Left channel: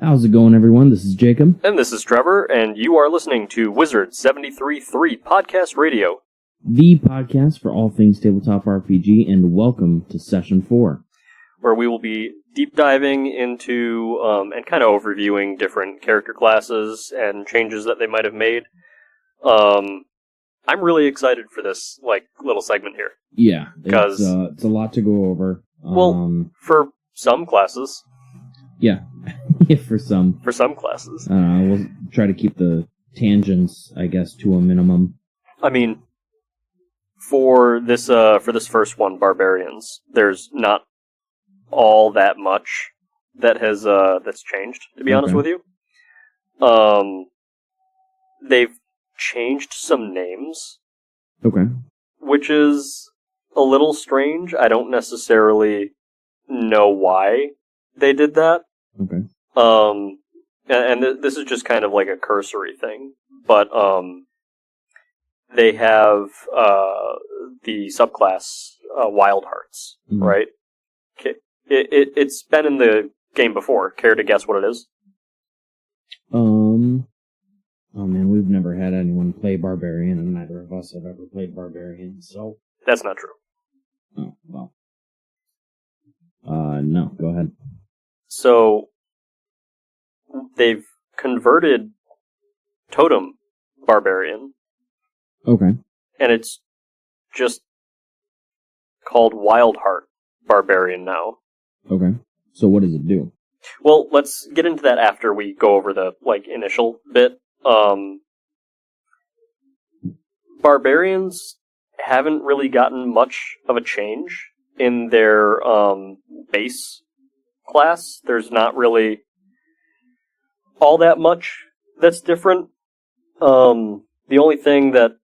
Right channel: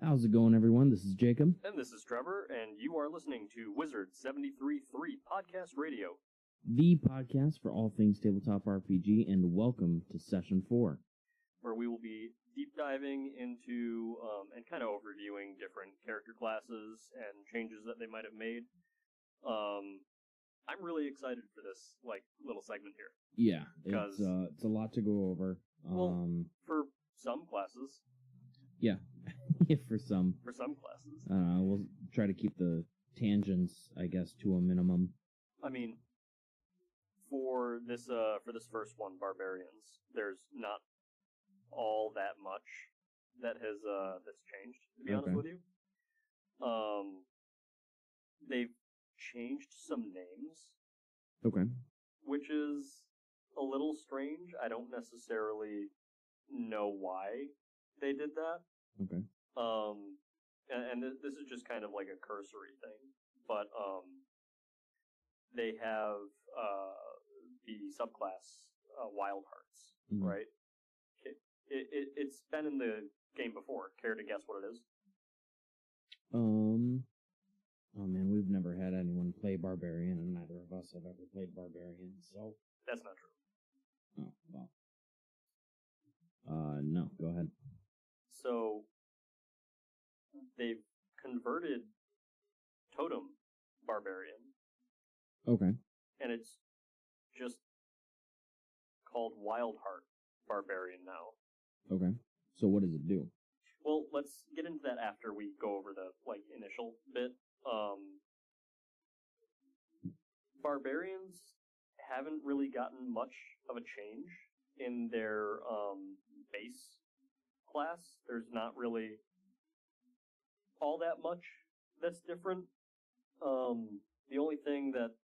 How's it going, everyone? This is Jacob. And this is Trevor, and you are listening to Wizard 73.3 Podcast Radio. The podcast for all things tabletop RPG, and welcome to Session 4. Where we will be deep diving into and kind of overviewing different character classes and changes that they might have made. I'm really excited for this little segment here. Yeah, because it's a lot to go over. For some classes. Yeah, for some classes. We'll try to keep the tangents, I guess, to a minimum. I mean, for this first one, Barbarians, there's not all that much that has that's changed, to be honest with you. They've changed some names. Okay. Which is a little strange. I don't necessarily know why they did that. Okay. And this is just kind of like a cursory thing, but they have the subclass Wild Hearts, right? It's been in the game before. Care to guess what it is? Oh man, we've never had anyone play Barbarian, and neither of us have ever played Barbarian, so... That's not true. Oh, well. No, go ahead. So, they've converted Totem Barbarian. Okay. And it's just called Wild Heart Barbarian now. Okay. So what does it do? Well, let's get into that after we go over the, initial bit. Barbarians haven't really gotten much of a change in their base class. There's not really all that much that's different. The only thing that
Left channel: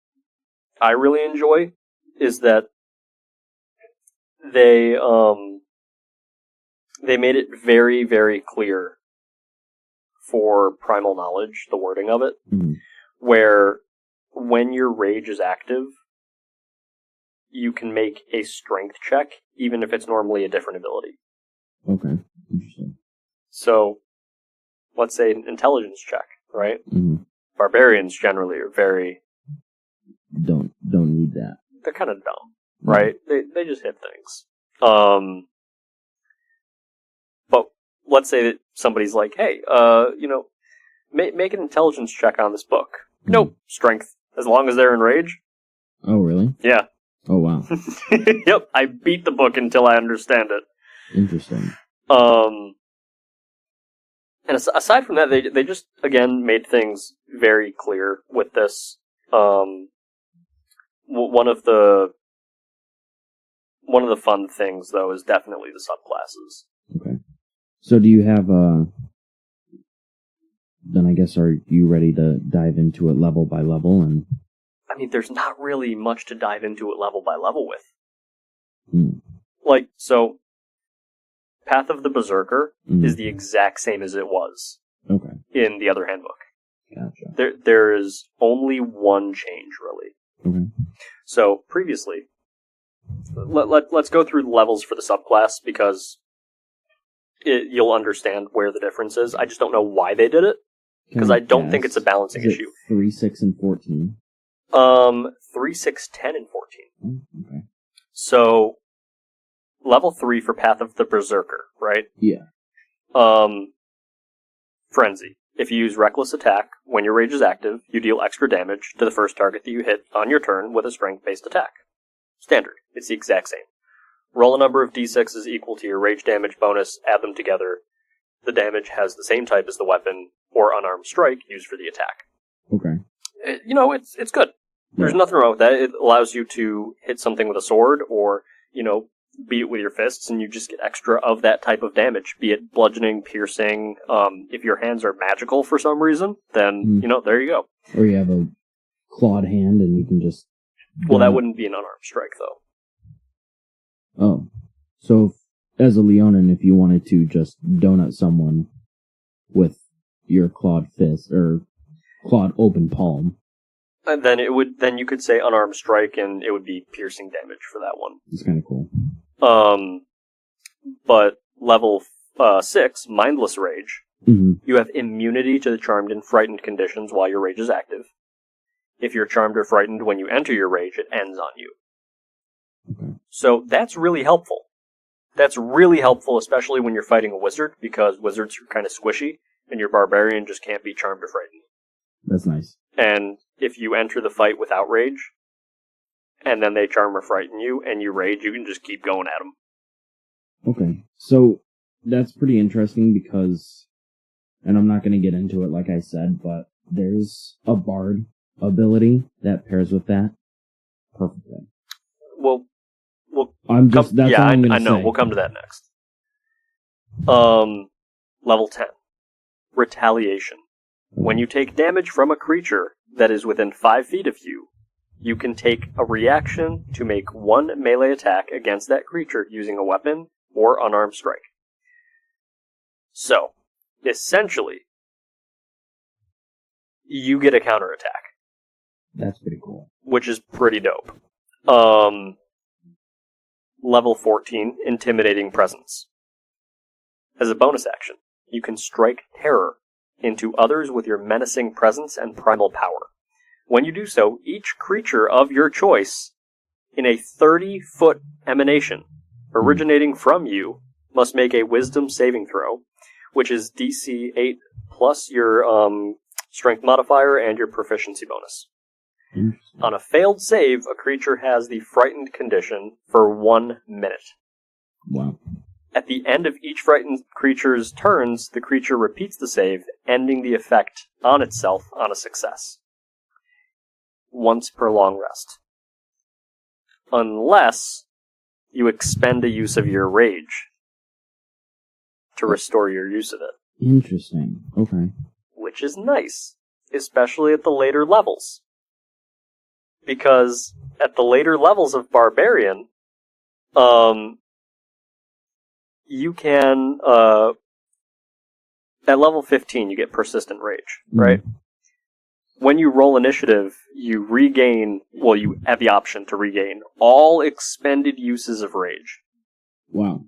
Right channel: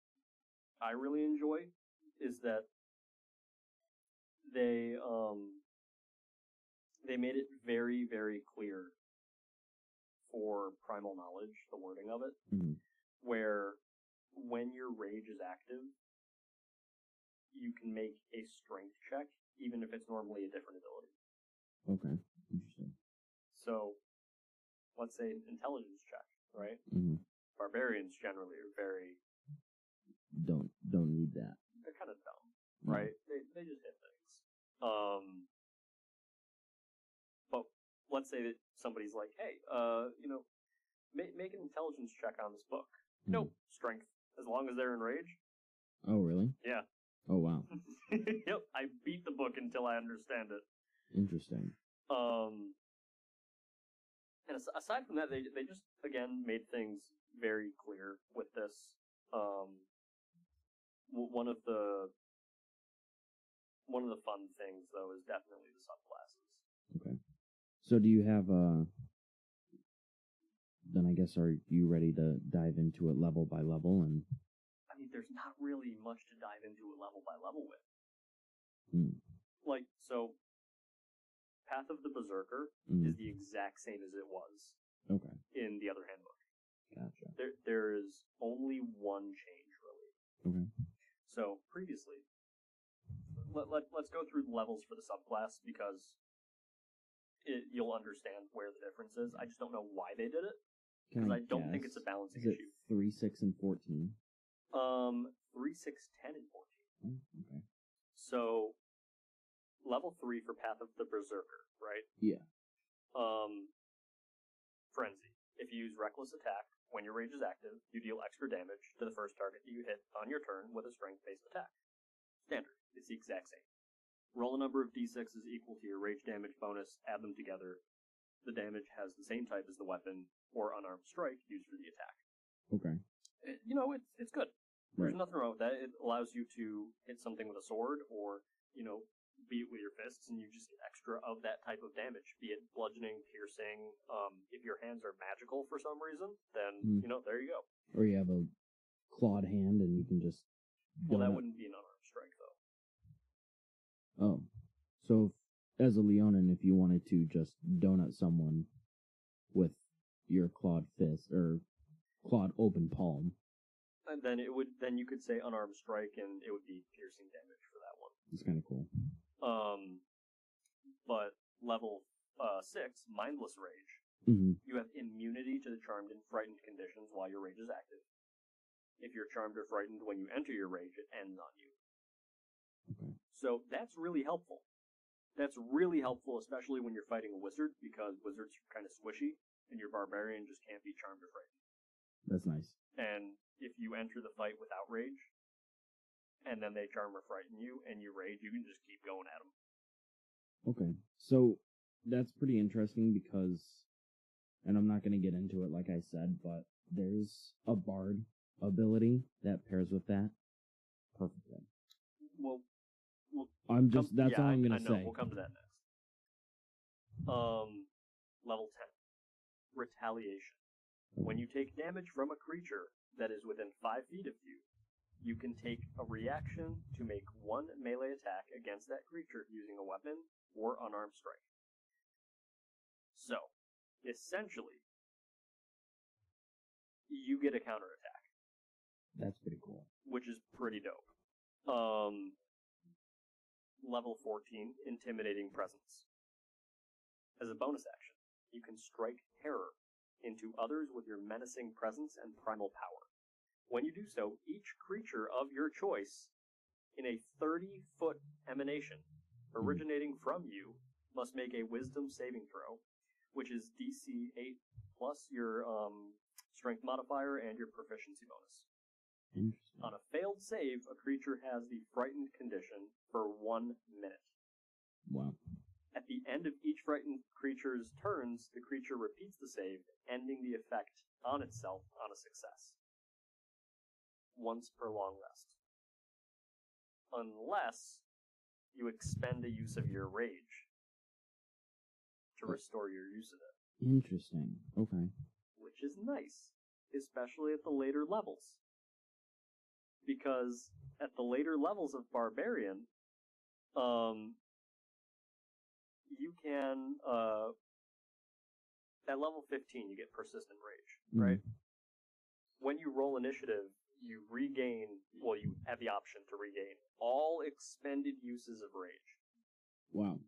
I really enjoy is that they made it very, very clear for Primal Knowledge, the wording of it, where when your rage is active, you can make a strength check, even if it's normally a different ability. Okay, interesting. So, let's say an intelligence check, right? Mm-hmm. Barbarians generally are very... Don't need that. They're kind of dumb, right? They just hit things. But let's say that somebody's like, hey, make an intelligence check on this book. Nope, strength, as long as they're in rage. Oh, really? Yeah. Oh, wow. Yep, I beat the book until I understand it. Interesting. And aside from that, they just, again, made things very clear with this. One of the fun things, though, is definitely the subclasses. Okay. So do you have, then I guess, are you ready to dive into it level by level? And I mean, there's not really much to dive into it level by level with. So, Path of the Berserker is the exact same as it was in the other handbook. Gotcha. There is only one change, really. Okay. So, previously, let's go through the levels for the subclass, because you'll understand where the difference is. I just don't know why they did it, because I don't think it's a balancing issue. 3, 6, and 14? 3, 6, 10, and 14. Okay. So, level 3 for Path of the Berserker, right? Yeah. Frenzy. If you use Reckless Attack, when your rage is active, you deal extra damage to the first target that you hit on your turn with a strength-based attack. Standard. It's the exact same. Roll a number of d6s equal to your rage damage bonus, add them together. The damage has the same type as the weapon or unarmed strike used for the attack. Okay. It's good. There's nothing wrong with that. It allows you to hit something with a sword or, beat it with your fists, and you just get extra of that type of damage, be it bludgeoning, piercing. If your hands are magical for some reason, then, there you go. Or you have a clawed hand and you can just... Well, that wouldn't be an unarmed strike, though. Oh. So, as a Leonin, if you wanted to just donut someone with your clawed fist, or clawed open palm... And then you could say unarmed strike, and it would be piercing damage for that one. It's kind of cool. But level 6, Mindless Rage, You have immunity to the charmed and frightened conditions while your rage is active. If you're charmed or frightened when you enter your rage, it ends on you. Okay. So that's really helpful. That's really helpful, especially when you're fighting a wizard, because wizards are kind of squishy, and your barbarian just can't be charmed or frightened. That's nice. And if you enter the fight without rage, and then they charm or frighten you, and you rage, you can just keep going at them. Okay, so that's pretty interesting because, and I'm not going to get into it like I said, but there's a bard ability that pairs with that perfectly. Well, that's all I'm going to say. I know, we'll come to that next. Level 10. Retaliation. When you take damage from a creature that is within 5 feet of you, you can take a reaction to make one melee attack against that creature using a weapon or unarmed strike. So, essentially, you get a counterattack. That's pretty cool. Which is pretty dope. Level 14, Intimidating Presence. As a bonus action, you can strike terror into others with your menacing presence and primal power. When you do so, each creature of your choice in a 30-foot emanation originating from you must make a wisdom saving throw, which is DC 8 plus your strength modifier and your proficiency bonus. On a failed save, a creature has the frightened condition for 1 minute. Wow. At the end of each frightened creature's turns, the creature repeats the save, ending the effect on itself on a success. Once per long rest. Unless you expend a use of your rage to restore your use of it. Interesting. Okay. Which is nice, especially at the later levels. Because at the later levels of Barbarian, you can, at level 15, you get Persistent Rage, right? When you roll initiative, you have the option to regain all expended uses of rage. Wow.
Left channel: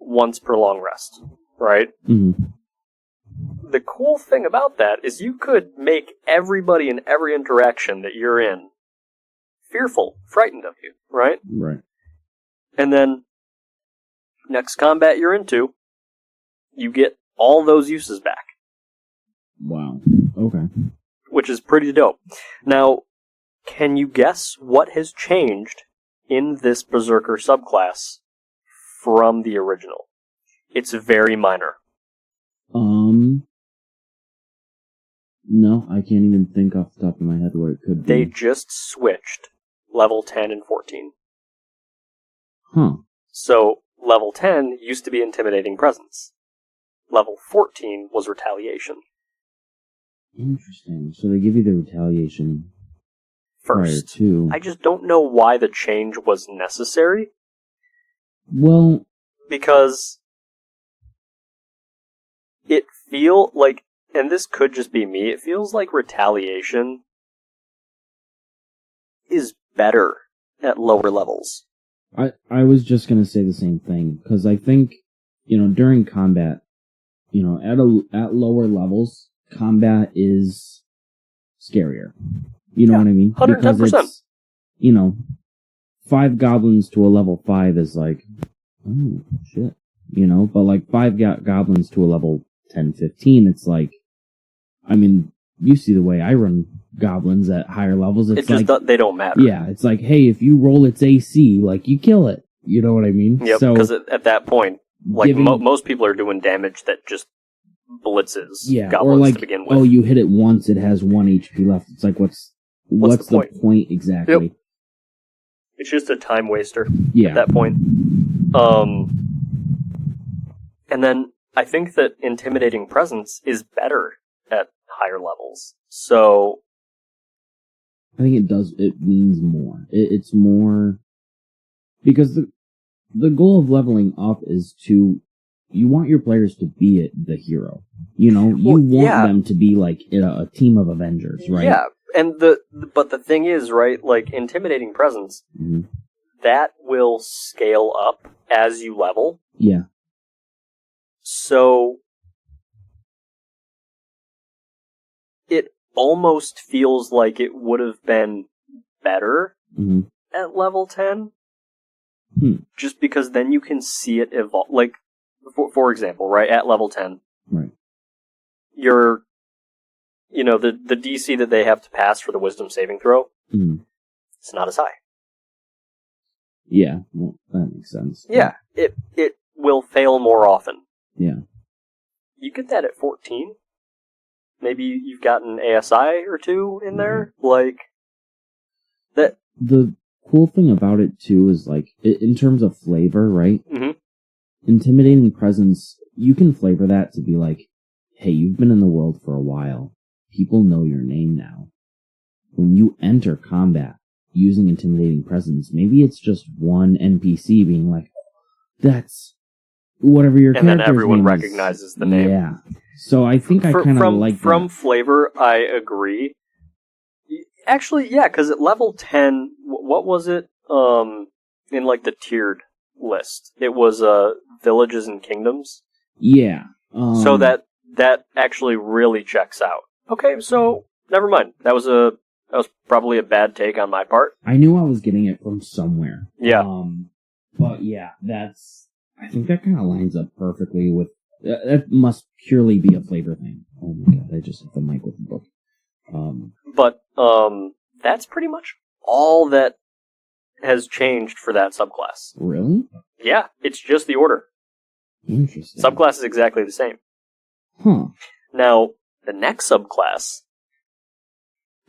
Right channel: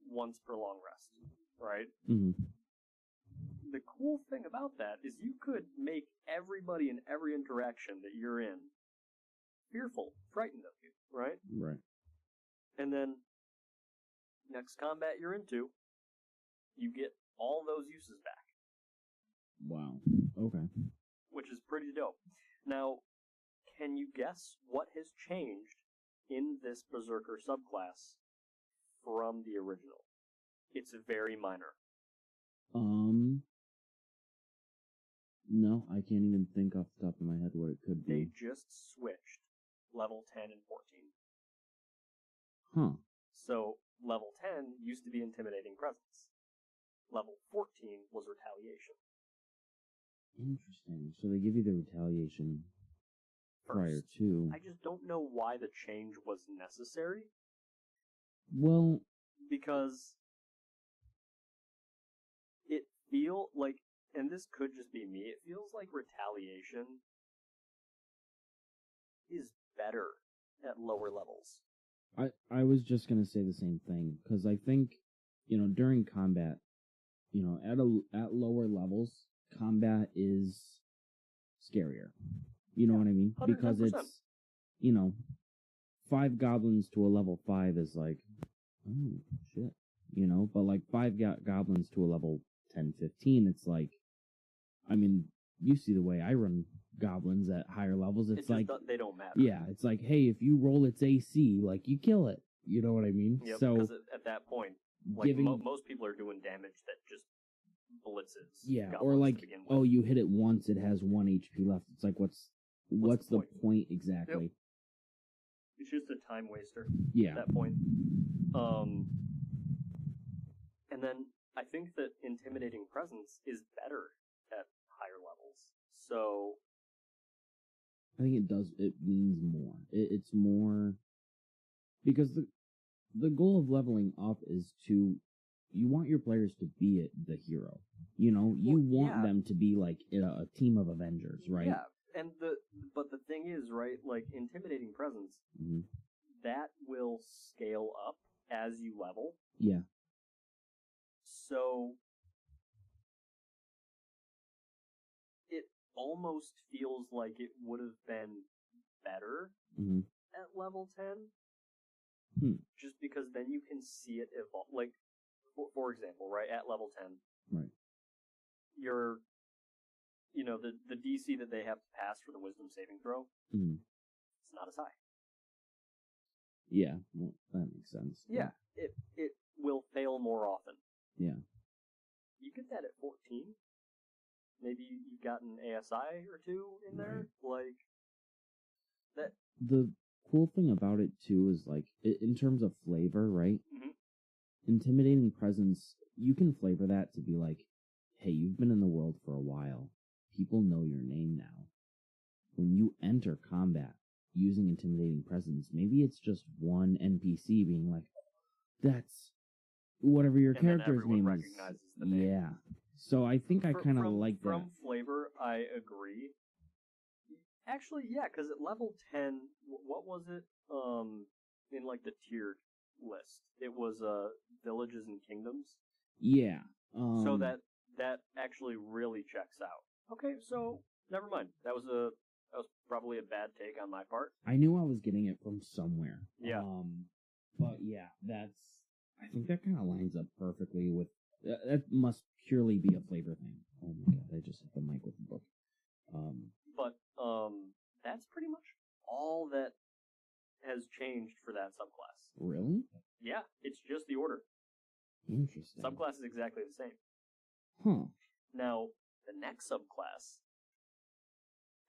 Once per long rest, right? The cool thing about that is you could make everybody in every interaction that you're in fearful, frightened of you, right? Right. And then, next combat you're into, you get all those uses back. Wow. Okay. Which is pretty dope. Now, can you guess what has changed in this Berserker subclass from the original? It's very minor. No, I can't even think off the top of my head what it could be. They just switched level 10 and 14. Huh. So, level 10 used to be Intimidating Presence. Level 14 was Retaliation. Interesting. So they give you the retaliation first. Prior to. I just don't know why the change was necessary. Well, because it feel like, and this could just be me, it feels like Retaliation is better at lower levels. I was just going to say the same thing, because I think, during combat, at lower levels, combat is scarier. You know what I mean? 110%. Because it's, 5 goblins to a level 5 is like, oh, shit. But like 5 goblins to a level 10, 15, it's like, you see the way I run goblins at higher levels. It's just like, they don't matter. Yeah, it's like, hey, if you roll its AC, like, you kill it. You know what I mean? Yep, because at that point, like, most people are doing damage that just blitzes goblins or like, to begin with. Oh, you hit it once, it has 1 HP left. It's like, what's the point exactly? Yep. It's just a time waster at that point. And then I think that Intimidating Presence is better at higher levels. So I think it means more. It's more because the goal of leveling up is you want your players to be the hero. You want them to be like a team of Avengers, right? Yeah, and but the thing is, right, like Intimidating Presence, that will scale up as you level. Yeah. So almost feels like it would have been better Mm-hmm. at level 10. Just because then you can see it evolve. Like, for example, right, at level 10, Right. you're, the DC that they have to pass for the wisdom saving throw, it's not as high. Yeah, well, that makes sense. Yeah, it will fail more often. Yeah. You get that at 14. Maybe you've got an ASI or two in there. Like, that. The cool thing about it, too, is, like, in terms of flavor, right? Mm-hmm. Intimidating presence, you can flavor that to be like, hey, you've been in the world for a while. People know your name now. When you enter combat using intimidating presence, maybe it's just one NPC being like, that's whatever your character's name is. And then everyone recognizes the name. Yeah. So I think I kind of like that. From flavor, I agree. Actually, yeah, because at level 10, what was it? In like the tiered list, it was villages and kingdoms. Yeah. So that actually really checks out. Okay, so never mind. That was probably a bad take on my part. I knew I was getting it from somewhere. Yeah. But yeah, I think that kind of lines up perfectly with. That must purely be a flavor thing. Oh my god, I just hit the mic with the book. But that's pretty much all that has changed for that subclass. Really? Yeah, it's just the order. Interesting. Subclass is exactly the same. Huh. Now, the next subclass,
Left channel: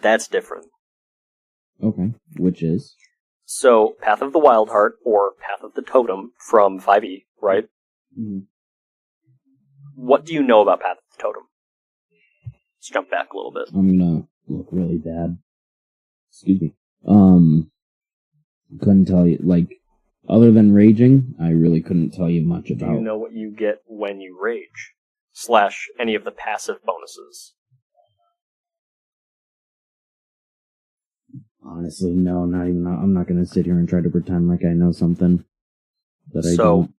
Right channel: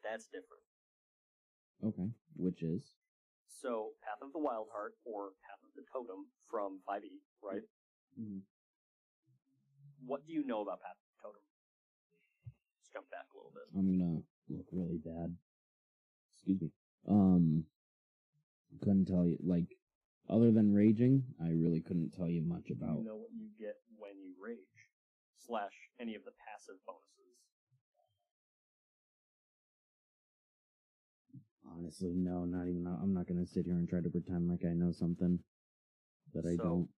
that's different. Okay, which is? So, Path of the Wild Heart, or Path of the Totem from 5e, right? Mm-hmm. What do you know about Path of the Totem? Let's jump back a little bit. I'm gonna look really bad. Excuse me. Couldn't tell you, like, other than raging, I really couldn't tell you much about. Do you know what you get when you rage? / any of the passive bonuses? Honestly, no, not even. I'm not gonna sit here and try to pretend like I know something that I don't.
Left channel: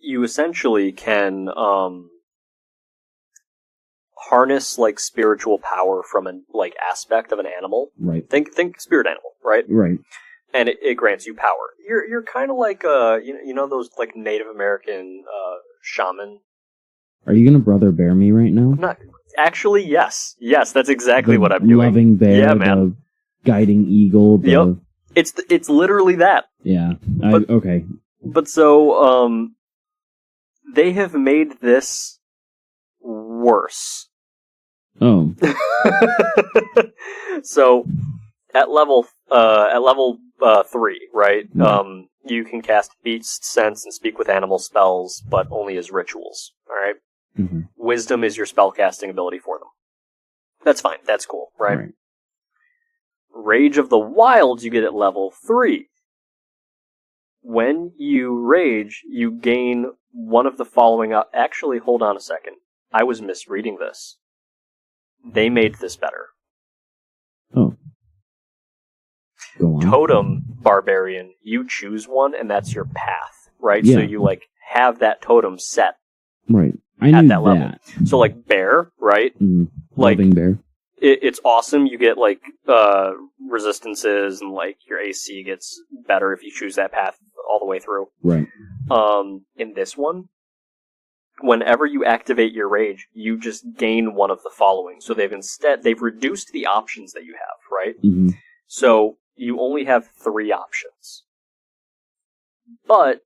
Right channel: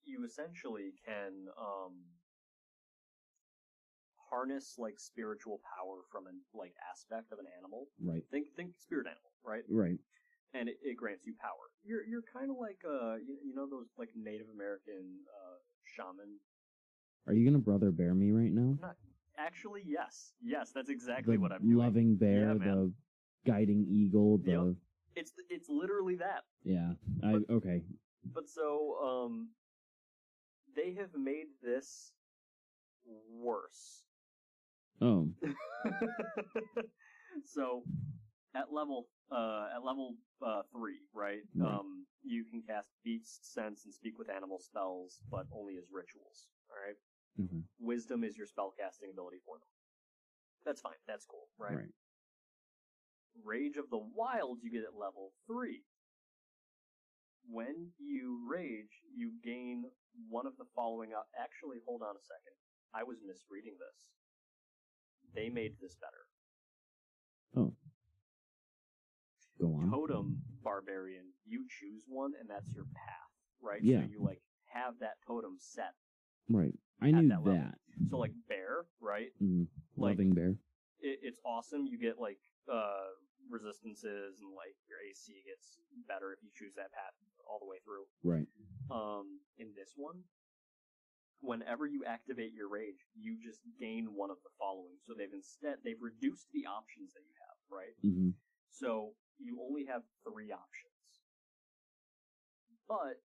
You essentially can harness like spiritual power from an like aspect of an animal. Right. Think spirit animal, right? Right. And it grants you power. You're kind of like you know those like Native American shaman. Are you gonna brother bear me right now? I'm not actually. Yes, that's exactly what I'm doing. Loving bear, yeah, man. the guiding eagle. Yep. It's literally that. Yeah. Okay. But so they have made this worse. Oh. So at level 3, right? You can cast Beast, Sense, and Speak with Animal spells, but only as rituals. All right. Mm-hmm. Wisdom is your spellcasting ability for them. That's fine. That's cool, right? Rage of the Wilds you get at level 3. When you rage, you gain one of the following. Actually, hold on a second. I was misreading this. They made this better. Oh. Go on. Totem Barbarian, you choose one, and that's your path, right? Yeah. So you like have that totem set. Right. I at knew that level. So like bear, right? Like, loving bear. It's awesome. You get like resistances, and like your AC gets better if you choose that path all the way through. Right. In this one, whenever you activate your rage, you just gain one of the following. So they've reduced the options that you have, right? Mm-hmm. So you only have 3 options. But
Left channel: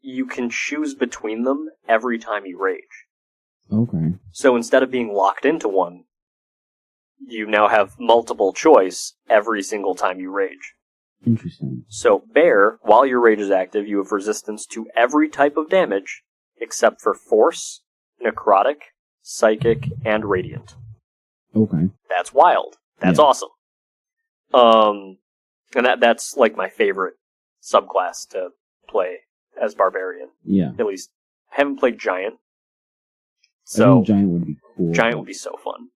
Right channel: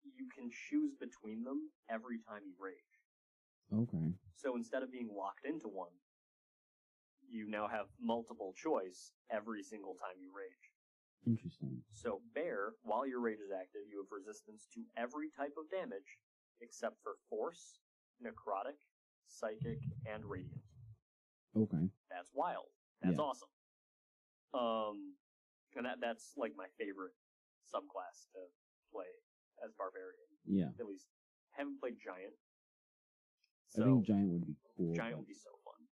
you can choose between them every time you rage. Okay. So instead of being locked into one, you now have multiple choice every single time you rage. Interesting. So bear, while your rage is active, you have resistance to every type of damage except for force, necrotic, psychic, and radiant. Okay. That's wild. That's awesome. And that's like my favorite subclass to play as Barbarian. Yeah. At least I haven't played Giant. I think Giant would be cool. Giant would be so fun.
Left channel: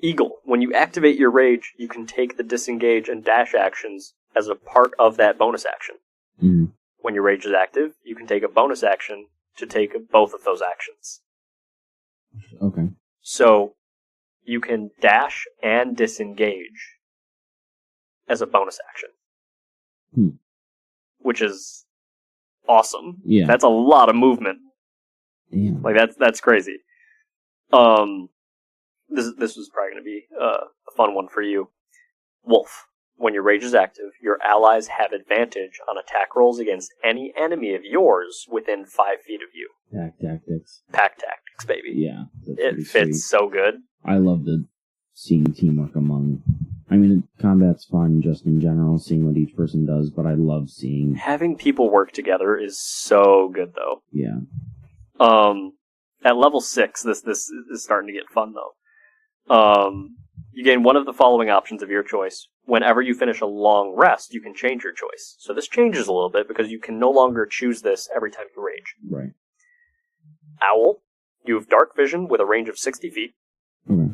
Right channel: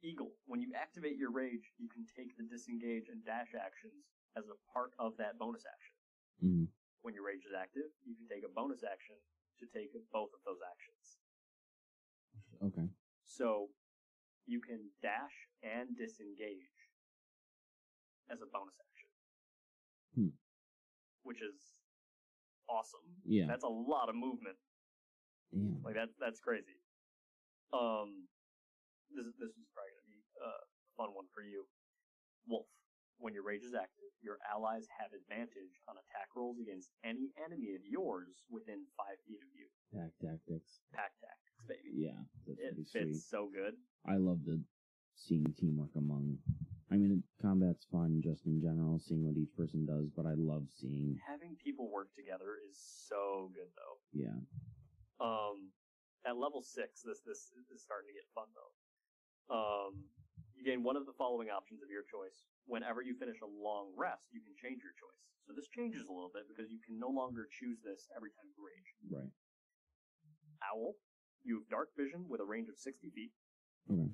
Eagle. When you activate your rage, you can take the disengage and dash actions as a part of that bonus action. Mm-hmm. When your rage is active, you can take a bonus action to take both of those actions. Okay. So you can dash and disengage as a bonus action. Which is awesome. Yeah. That's a lot of movement. Yeah. Like, that's crazy. This was probably going to be a fun one for you. Wolf. When your rage is active, your allies have advantage on attack rolls against any enemy of yours within 5 feet of you. Pack tactics. Pack tactics, baby. Yeah. It fits so good. I love seeing teamwork among... I mean, combat's fun just in general, seeing what each person does, but I love seeing... Having people work together is so good, though. Yeah. At level 6, this is starting to get fun, though. You gain one of the following options of your choice. Whenever you finish a long rest, you can change your choice. So this changes a little bit because you can no longer choose this every time you rage. Right. Owl. You have dark vision with a range of 60 feet. Okay.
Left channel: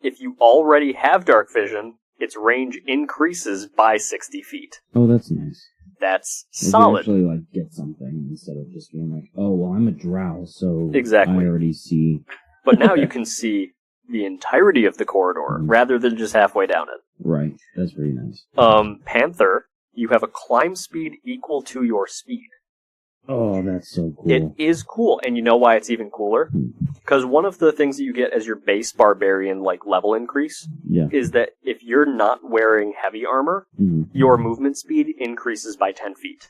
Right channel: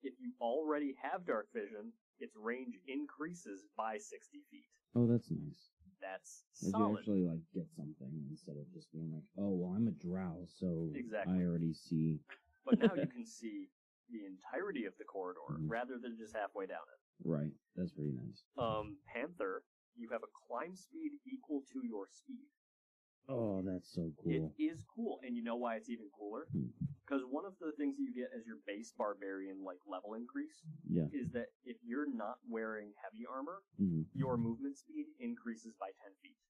If you already have dark vision, its range increases by 60 feet. Oh, that's nice. That's Like solid. You actually get something instead of just being like, oh, well, I'm a drow, so Exactly. I already see. But now you can see the entirety of the corridor rather than just halfway down it. Right. That's pretty nice. Panther, you have a climb speed equal to your speed. Oh, that's so cool. It is cool, and you know why it's even cooler? Because one of the things that you get as your base barbarian level increase is that if you're not wearing heavy armor, your movement speed increases by 10 feet.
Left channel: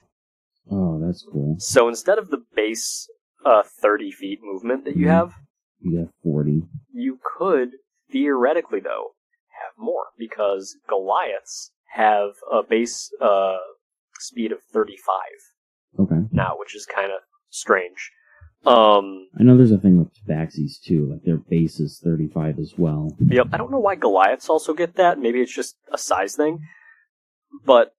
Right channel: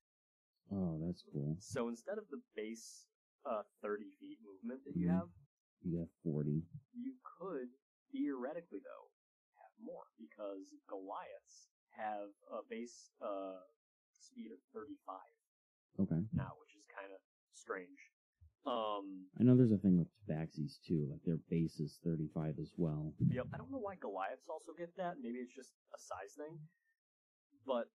Oh, that's cool. So instead of the base 30 feet movement that you have, you have 40. You could, theoretically, though, have more, because Goliaths have a base speed of 35 now, which is kind of strange. I know there's a thing with Tabaxis, too. Like, their base is 35 as well. Yep, I don't know why Goliaths also get that. Maybe it's just a size thing. But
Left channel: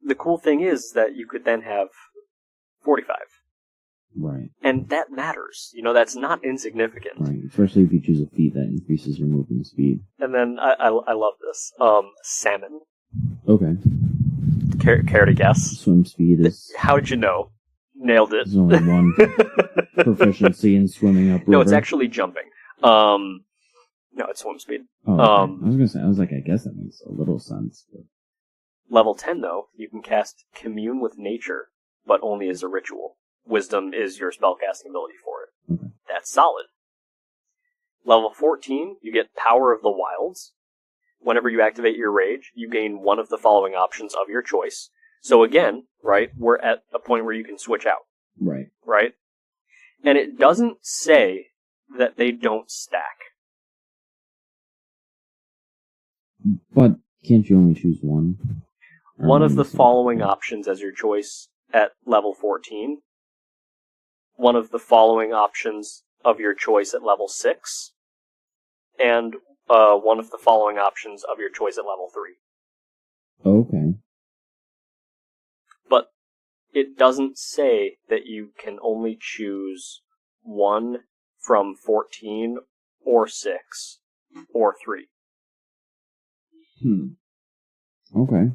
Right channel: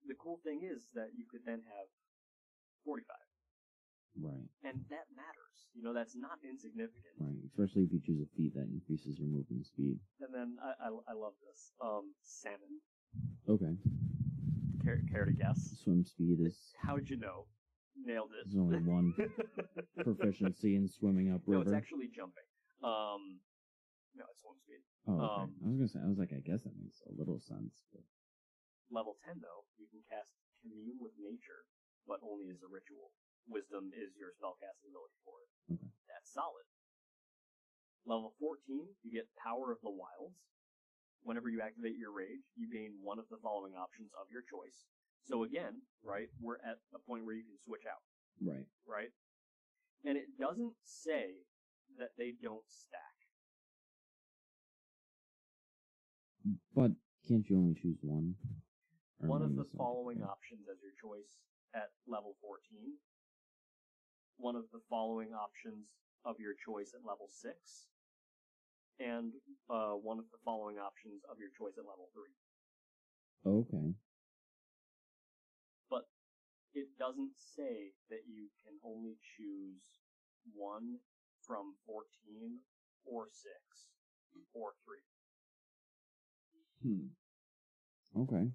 the cool thing is that you could then have 45. Right. And that matters. You know, that's not insignificant. Right, especially if you choose a feat that increases your movement speed. And then, I love this. Salmon. Okay. Care to guess? Swim speed is... How did you know? Nailed it. There's only one proficiency in swimming upriver. No, it's actually jumping. No, it's swim speed. Oh, okay. I was gonna say, I guess that makes a little sense. But... Level 10, though, you can cast Commune with Nature, but only as a ritual. Wisdom is your spellcasting ability for it. Okay. That's solid. Level 14, you get Power of the Wilds. Whenever you activate your rage, you gain one of the following options of your choice. So again, right, we're at a point where you can switch out. Right. Right? And it doesn't say that they don't stack. But can't you only choose one? One of the following options as your choice at level 14. One of the following options of your choice at level 6. And one of the following options of your choice at level 3. Okay. But it doesn't say that you can only choose one from 14 or 6 or 3. Okay.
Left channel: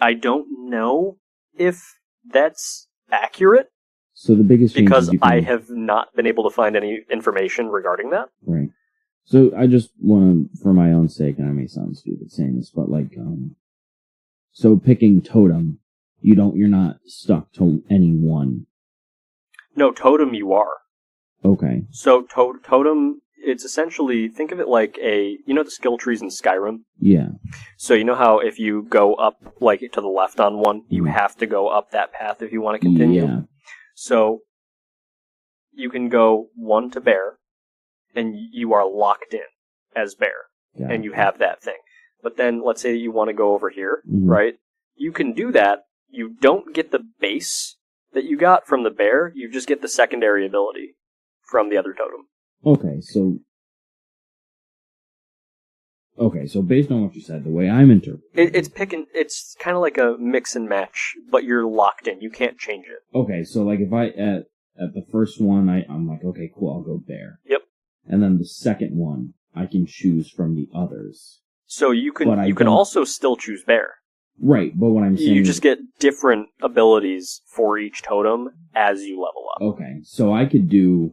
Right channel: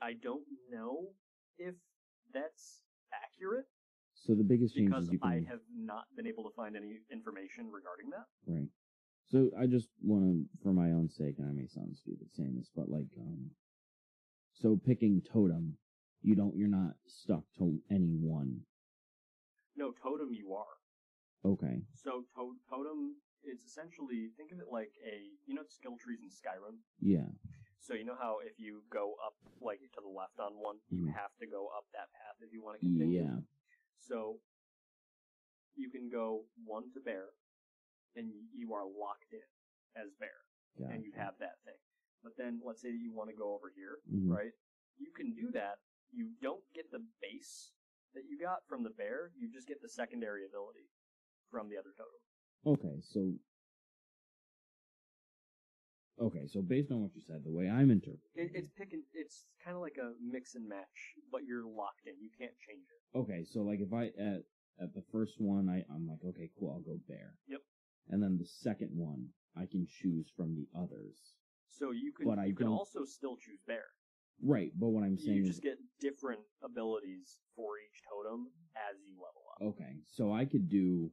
I don't know if that's accurate. So the biggest change because I have not been able to find any information regarding that. Right. So I just want to, for my own sake, and I may sound stupid saying this, but so picking totem, you're not stuck to any one. No, totem you are. Okay. So totem, it's essentially, think of it like the skill trees in Skyrim? Yeah. So you know how if you go up, to the left on one, you have to go up that path if you want to continue? Yeah. So you can go 1 to bear, and you are locked in as bear, and you have that thing. But then let's say you want to go over here, right? You can do that. You don't get the base that you got from the bear. You just get the secondary ability from the other totem. Okay, so based on what you said, the way I'm interpreting it's kind of like a mix and match, but you're locked in. You can't change it. Okay, so if I at the first one I'm like, okay, cool, I'll go bear. Yep. And then the second one I can choose from the others. So you can also still choose bear. Right, but what I'm saying... You just get different abilities for each totem as you level up. Okay, so I could do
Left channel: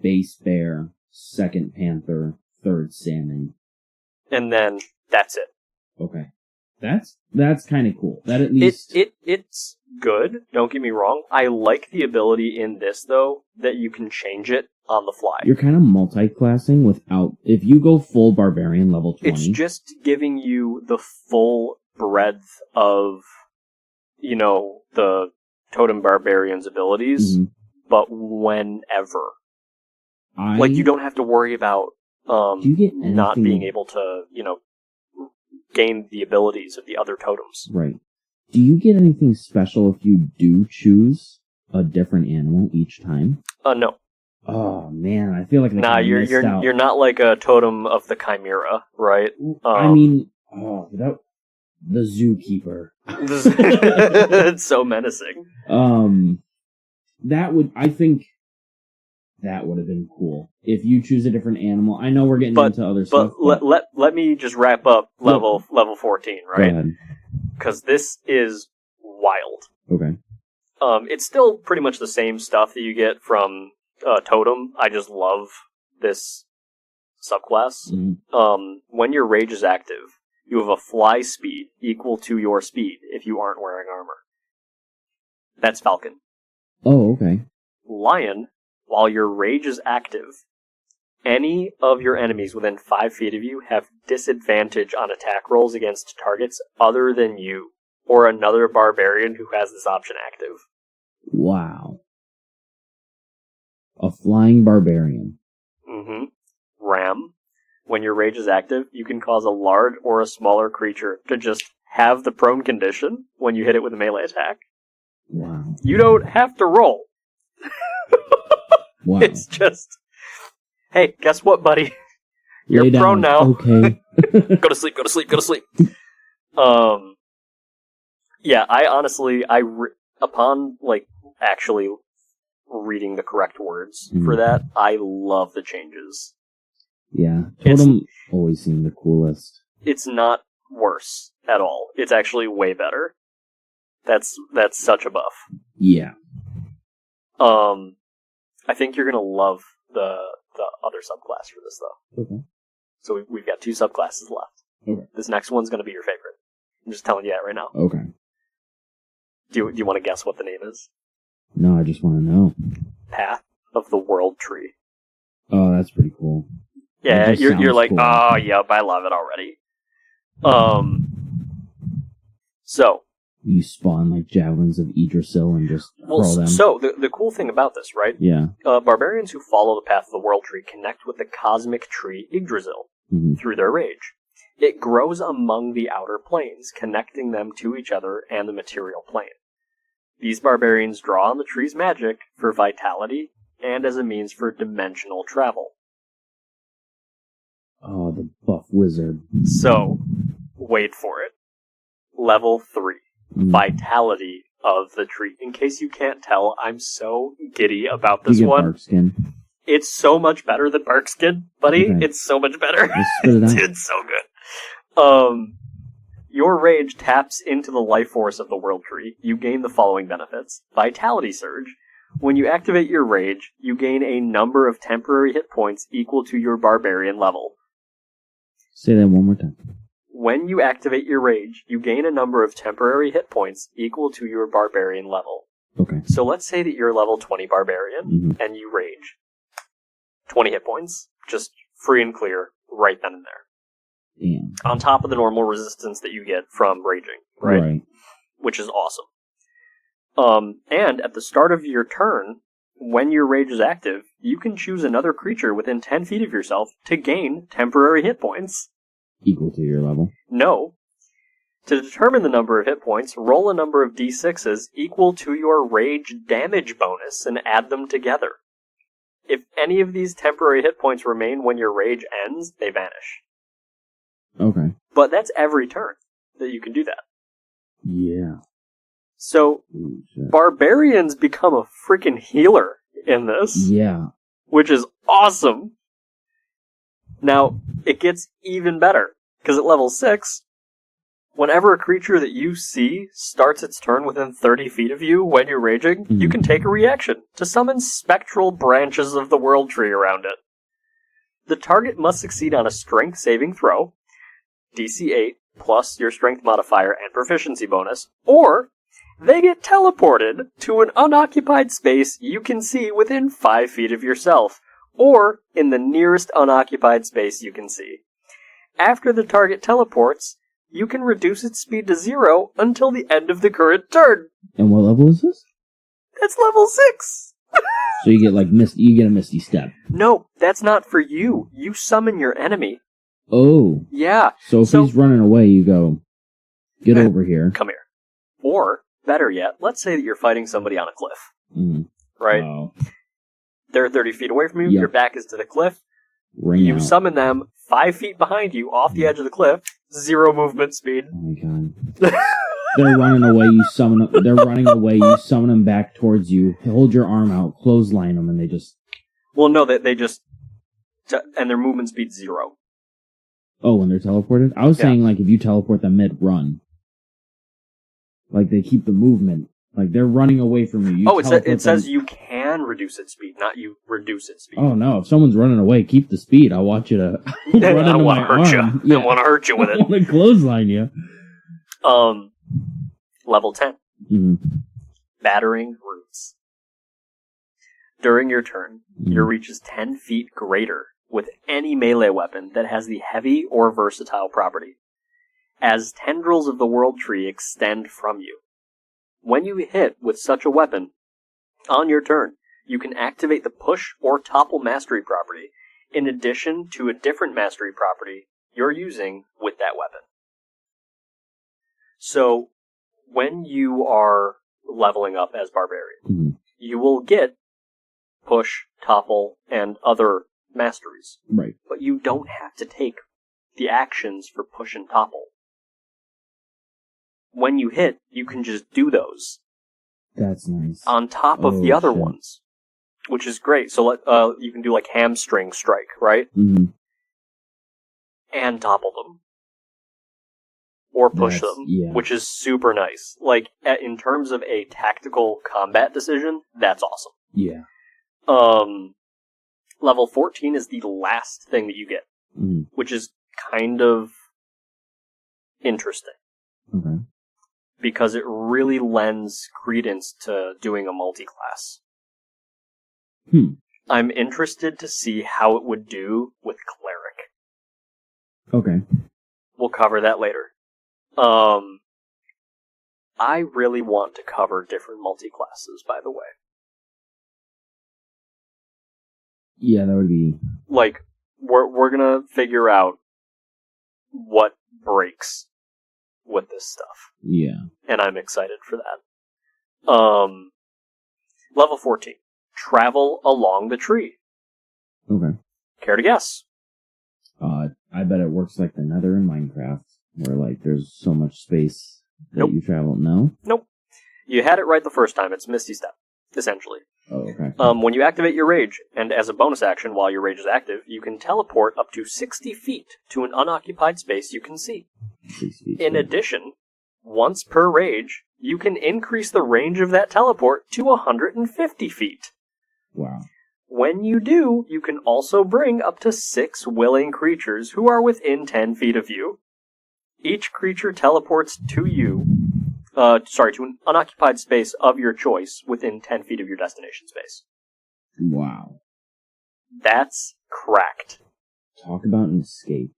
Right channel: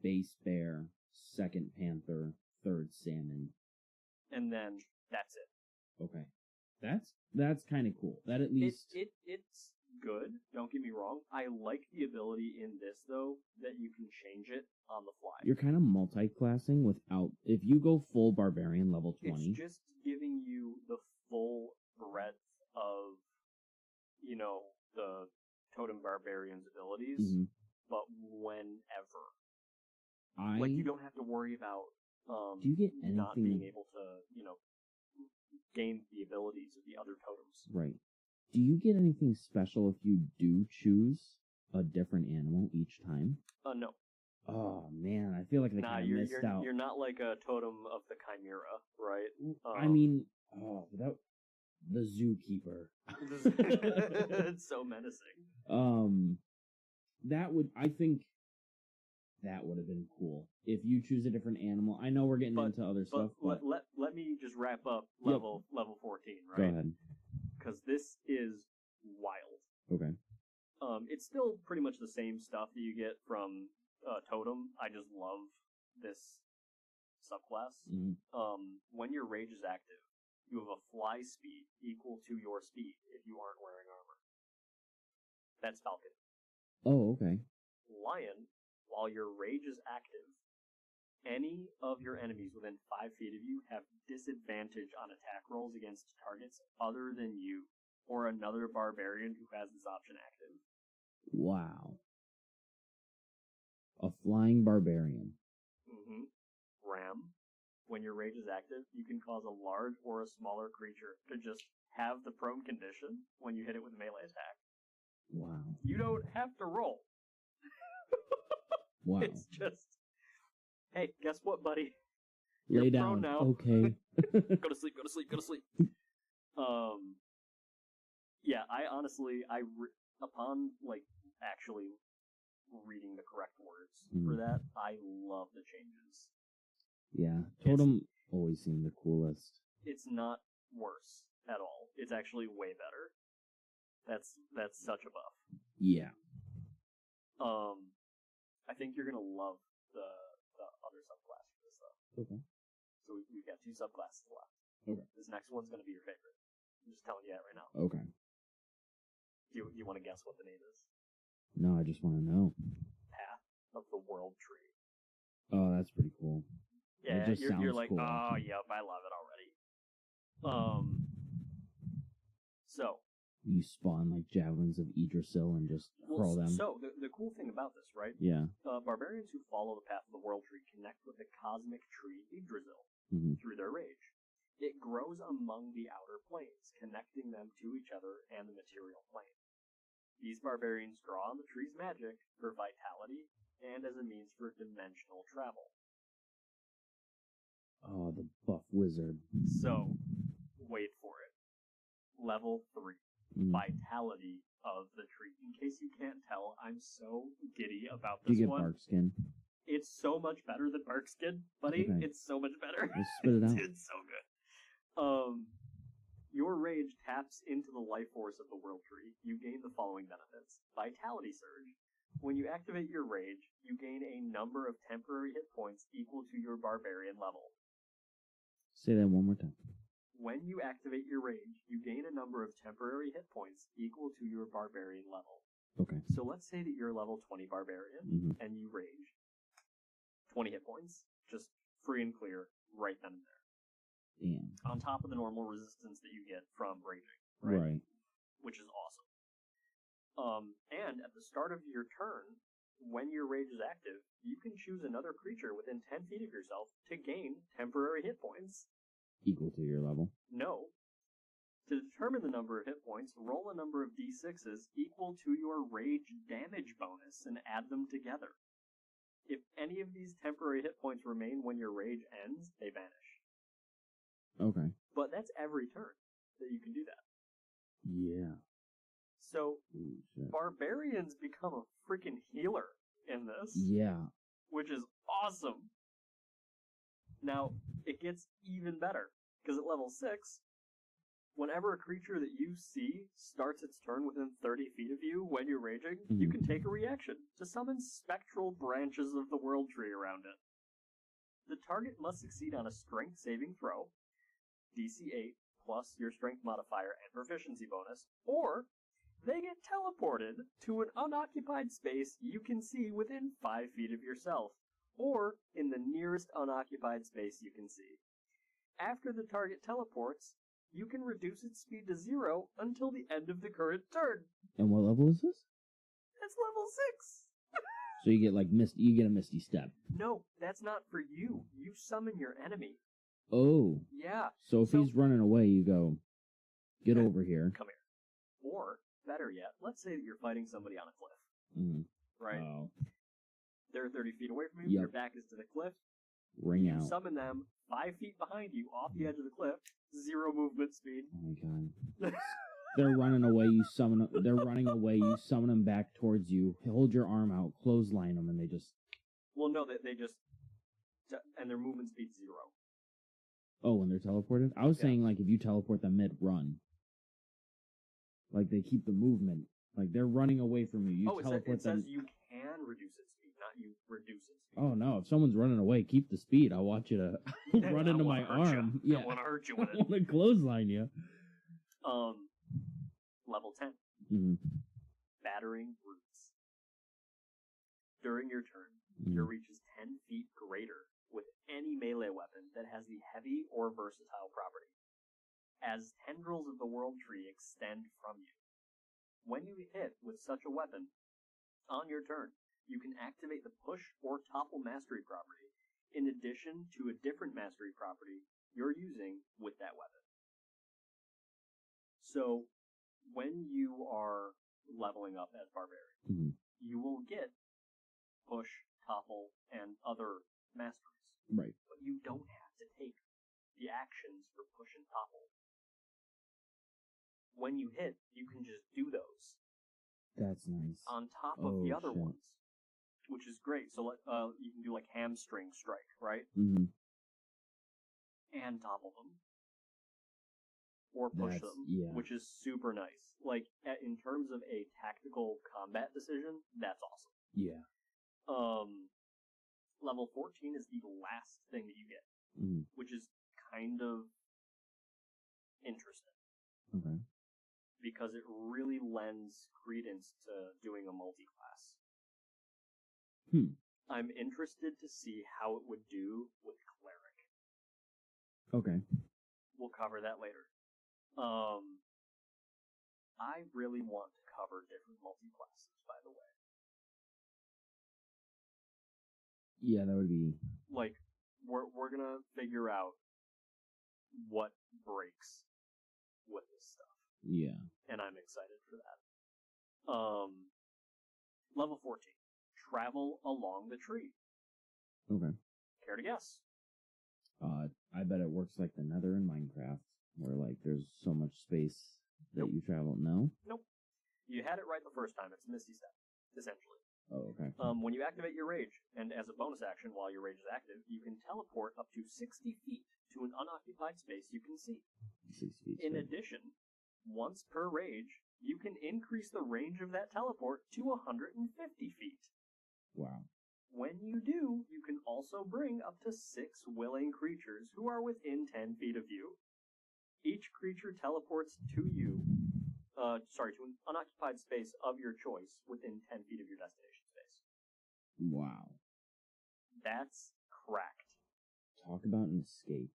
base bear, second panther, third salmon. And then that's it. Okay. That's kind of cool. That at least... It's good, don't get me wrong. I like the ability in this, though, that you can change it on the fly. You're kind of multi-classing without... If you go full Barbarian level 20... It's just giving you the full breadth of, the Totem Barbarian's abilities, but whenever. Like, you don't have to worry about do you get not being able to, gain the abilities of the other totems. Right. Do you get anything special if you do choose a different animal each time? No. Oh man, I feel like you're not like a totem of the Chimera, right? The zookeeper. It's so menacing. That would have been cool if you choose a different animal. I know we're getting into other stuff, but let me just wrap up level 14, right? Go ahead. Because this is wild. Okay. It's still pretty much the same stuff that you get from Totem. I just love this subclass. When your rage is active, you have a fly speed equal to your speed if you aren't wearing armor. That's Falcon. Oh, okay. Lion, while your rage is active, any of your enemies within 5 feet of you have disadvantage on attack rolls against targets other than you, or another barbarian who has this option active. Wow. A flying barbarian. Ram, when your rage is active, you can cause a large or a smaller creature to just have the prone condition when you hit it with a melee attack. Wow. You don't have to roll. Wow. It's just, hey, guess what, buddy? You're prone now. Okay. Go to sleep. Yeah, I honestly, upon actually reading the correct words for that, I love the changes. Yeah, Totem always seemed the coolest. It's not worse at all. It's actually way better. That's such a buff. Yeah. I think you're gonna love the other subclass for this, though. Okay. So we've got 2 subclasses left. Okay. This next one's gonna be your favorite. I'm just telling you that right now. Okay. Do you want to guess what the name is? No, I just want to know. Path of the World Tree. Oh, that's pretty cool. Yeah, you're like, cool. oh, yep, I love it already. So you spawn like javelins of Yggdrasil and just hurl them. So the cool thing about this, right? Yeah. Barbarians who follow the path of the World Tree connect with the cosmic tree Yggdrasil through their rage. It grows among the outer planes, connecting them to each other and the material plane. These barbarians draw on the tree's magic for vitality and as a means for dimensional travel. Oh, the buff wizard. So, wait for it. Level 3. Vitality of the tree. In case you can't tell, I'm so giddy about this you get one. Bark skin. It's so much better than Bark Skin, buddy. Okay. It's so much better. Spit it out. It's so good. Your rage taps into the life force of the World Tree. You gain the following benefits. Vitality Surge. When you activate your rage, you gain a number of temporary hit points equal to your barbarian level. Say that one more time. When you activate your rage, you gain a number of temporary hit points equal to your barbarian level. Okay. So let's say that you're level 20 barbarian, and you rage. 20 hit points, just free and clear, right then and there. Damn. On top of the normal resistance that you get from raging, right? Which is awesome. And at the start of your turn, when your rage is active, you can choose another creature within 10 feet of yourself to gain temporary hit points. Equal to your level? No. To determine the number of hit points, roll a number of d6s equal to your rage damage bonus and add them together. If any of these temporary hit points remain when your rage ends, they vanish. Okay. But that's every turn that you can do that. Yeah. So, barbarians become a freaking healer in this. Yeah. Which is awesome. Now, it gets even better, because at level 6, Whenever a creature that you see starts its turn within 30 feet of you when you're raging, you can take a reaction to summon spectral branches of the World Tree around it. The target must succeed on a strength saving throw, DC 8 plus your strength modifier and proficiency bonus, or they get teleported to an unoccupied space you can see within 5 feet of yourself, or in the nearest unoccupied space you can see. After the target teleports, you can reduce its speed to 0 until the end of the current turn. And what level is this? That's level 6! So you get like you get a Misty Step. No, that's not for you. You summon your enemy. Oh. Yeah. So if he's running away, you go, get over here. Come here. Or, better yet, let's say that you're fighting somebody on a cliff. Right? Oh. They're 30 feet away from you, Yep. your back is to the cliff. Ring You out. summon them 5 feet behind you, off the edge of the cliff, 0 movement speed. Oh my god. They're running away, you summon them. They're running away, you summon them back towards you. Hold your arm out, clothesline them, and they just... Well, no, they just... And their movement speed 0. Oh, when they're teleported? I was saying, like, if you teleport them mid-run. Like, they keep the movement. Like, they're running away from you. It says you can reduce its speed, not you reduce its speed. Oh, no. If someone's running away, keep the speed. I want you to run into my arm. I want to hurt you with it. I want to clothesline you. Level 10. Mm-hmm. Battering Roots. During your turn, your reach is 10 feet greater with any melee weapon that has the heavy or versatile property, as tendrils of the World Tree extend from you. When you hit with such a weapon, on your turn, you can activate the Push or Topple Mastery property, in addition to a different Mastery property you're using with that weapon. So, when you are leveling up as Barbarian, you will get Push, Topple, and other masteries. Right. But you don't have to take the actions for Push and Topple. When you hit, you can just do those. That's nice. On top of the other ones, which is great. So you can do like Hamstring Strike, right? Mm-hmm. And topple them. Or push them, which is super nice. Like, in terms of a tactical combat decision, that's awesome. Yeah. Level 14 is the last thing that you get, which is kind of interesting. Okay. Because it really lends credence to doing a multi-class. I'm interested to see how it would do with Cleric. Okay. We'll cover that later. I really want to cover different multi-classes, by the way. Yeah, that would be... Like, we're gonna figure out what breaks with this stuff. Yeah. And I'm excited for that. Level 14. Travel along the tree. Okay. Care to guess? I bet it works like the Nether in Minecraft, where, like, there's so much space that you travel. No? Nope. You had it right the first time. It's Misty Step, essentially. Oh, okay. When you activate your rage, and as a bonus action while your rage is active, you can teleport up to 60 feet to an unoccupied space you can see. 6 feet. In addition, once per rage, you can increase the range of that teleport to 150 feet. Wow. When you do, you can also bring up to 6 willing creatures who are within 10 feet of you. Each creature teleports to you, to an unoccupied space of your choice within 10 feet of your destination space. Wow. That's cracked. Talk about an escape.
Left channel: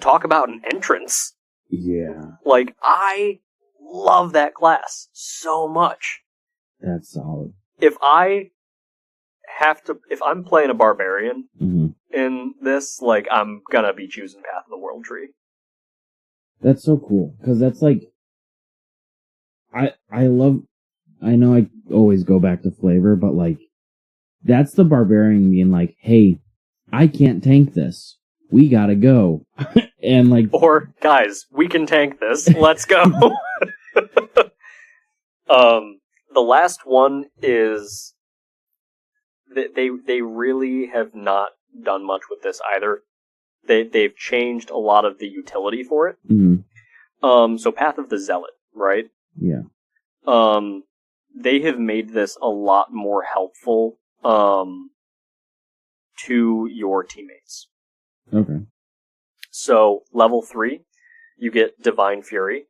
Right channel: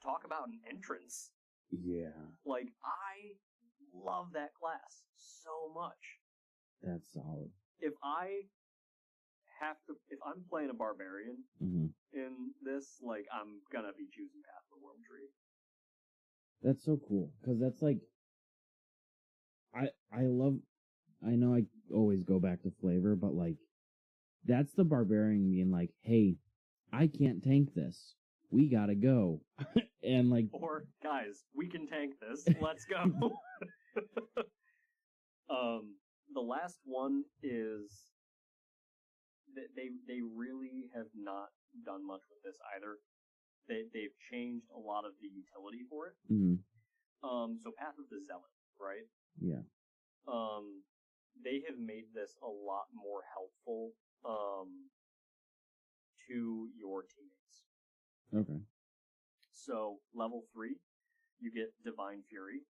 Talk about an entrance. Yeah. Like, I love that class so much. That's solid. If I'm playing a Barbarian in this, like, I'm gonna be choosing Path of the World Tree. That's so cool, because that's like, I know I always go back to flavor, but like, that's the Barbarian being like, hey, I can't tank this. We gotta go. And like... Or, guys, we can tank this. Let's go. The last one is... They really have not done much with this either. They've changed a lot of the utility for it. So Path of the Zealot, right? Yeah. They have made this a lot more helpful, to your teammates. Okay. So, level 3, you get Divine Fury.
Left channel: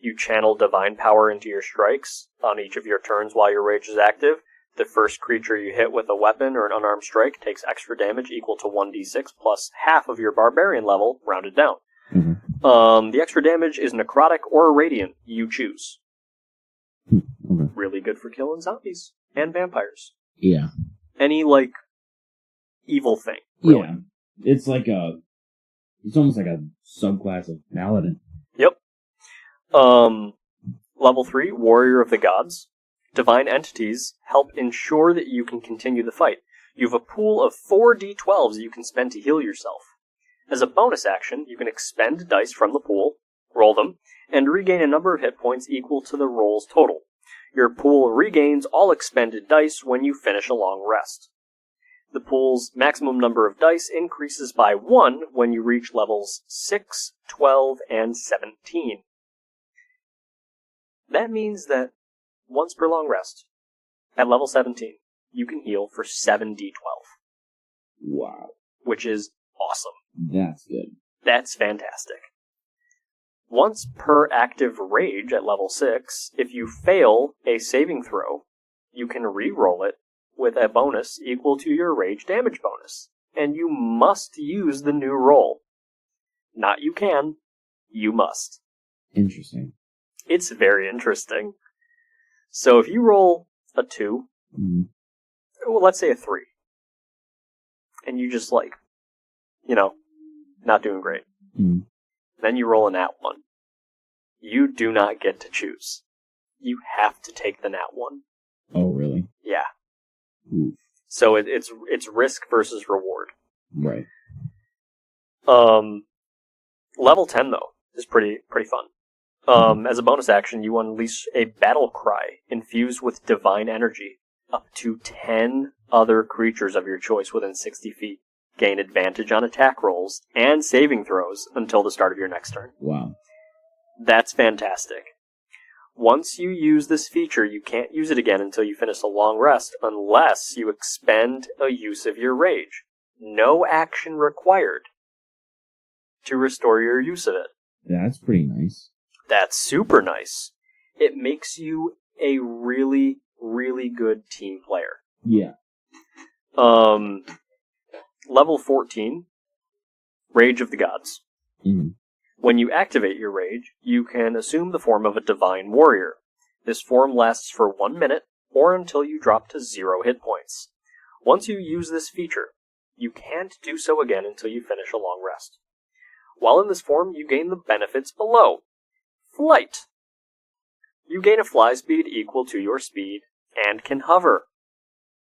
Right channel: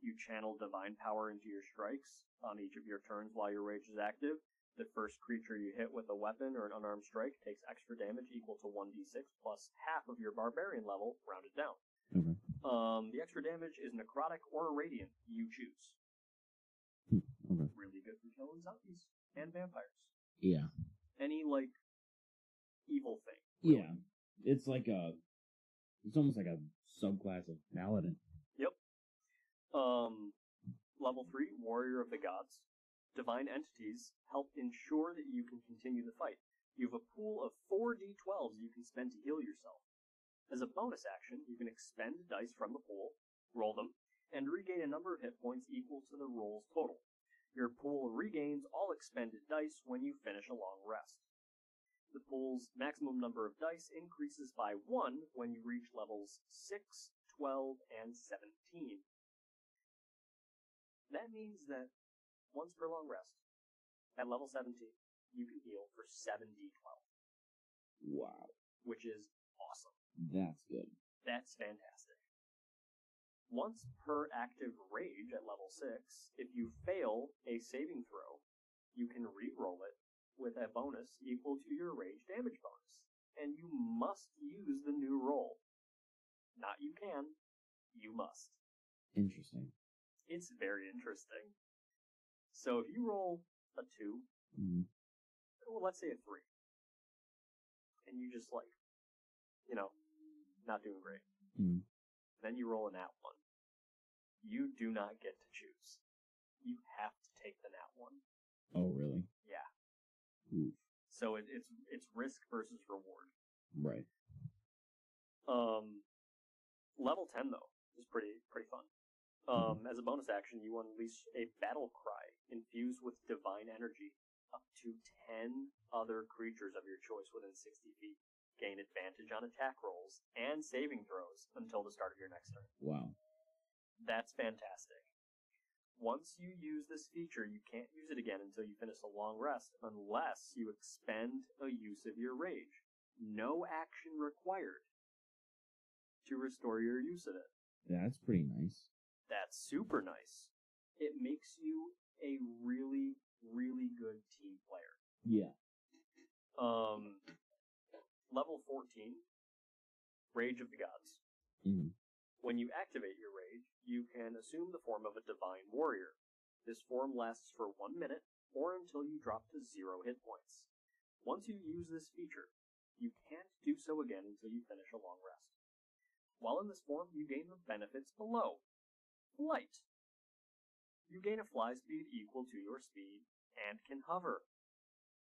You channel Divine Power into your strikes on each of your turns while your rage is active. The first creature you hit with a weapon or an unarmed strike takes extra damage equal to 1d6 plus half of your Barbarian level, rounded down. Mm-hmm. The extra damage is necrotic or radiant, you choose. Okay. Really good for killing zombies and vampires. Yeah. Any, like, evil thing. Really. Yeah. It's almost like a subclass of Paladin. Yep. Level 3, Warrior of the Gods. Divine entities help ensure that you can continue the fight. You have a pool of 4 d12s you can spend to heal yourself. As a bonus action, you can expend dice from the pool, roll them, and regain a number of hit points equal to the roll's total. Your pool regains all expended dice when you finish a long rest. The pool's maximum number of dice increases by 1 when you reach levels 6, 12, and 17. That means that once per long rest, at level 17, you can heal for 7d12. Wow. Which is awesome. That's good. That's fantastic. Once per active rage at level 6, if you fail a saving throw, you can re-roll it with a bonus equal to your rage damage bonus. And you must use the new roll. Not you can, you must. Interesting. It's very interesting. So if you roll a 2, well, let's say a 3, and you just not doing great. Then you roll a nat 1. You do not get to choose. You have to take the nat 1. Oh, really? Yeah. Oof. So it's risk versus reward. Right. Level 10 though is pretty fun. As a bonus action, you unleash a battle cry infused with divine energy. Up to 10 other creatures of your choice within 60 feet gain advantage on attack rolls and saving throws until the start of your next turn. Wow. That's fantastic. Once you use this feature, you can't use it again until you finish a long rest unless you expend a use of your rage. No action required to restore your use of it. That's pretty nice. That's super nice. It makes you a really, really good team player. Yeah. Level 14, Rage of the Gods. Mm-hmm. When you activate your rage, you can assume the form of a divine warrior. This form lasts for 1 minute, or until you drop to 0 hit points. Once you use this feature, you can't do so again until you finish a long rest. While in this form, you gain the benefits below. Flight. You gain a fly speed equal to your speed, and can hover.